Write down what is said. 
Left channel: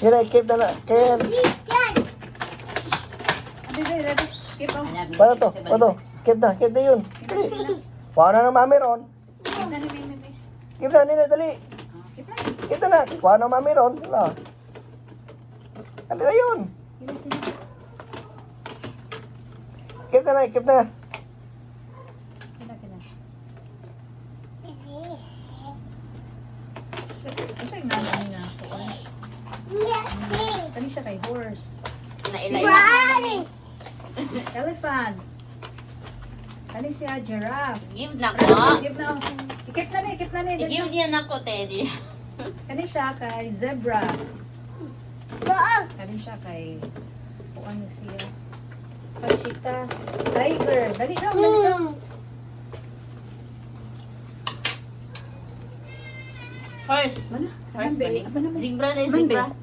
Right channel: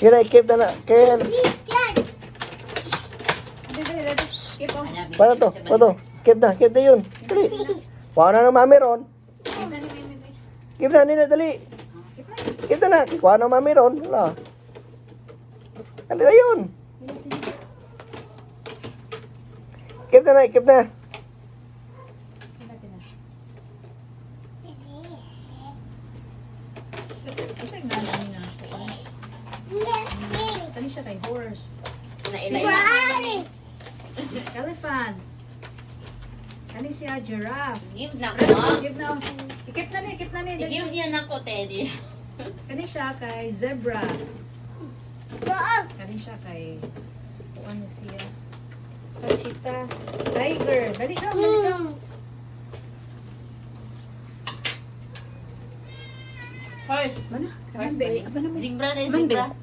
Yun ay, kid na na. Kid. Paano to? Ano? Kid na yun. Kuha na mami ron. Kid na nila, dali. Kid na. Kuha na mami ron. Ano? Dali na yun. Kid na. Kasi nga namin nga ako. Kani siya kay horse. Elephant. Kani siya giraffe. Give na ko. Give na. Ikip na ni. Give niya na ko, Teddy. Kani siya kay zebra. Kani siya kay ano siya? Kay cheetah. Tiger. Dali ka. Horse. Mana? Horse Kanan ba ba? ni? Apa naman? Zebra na Man, zebra.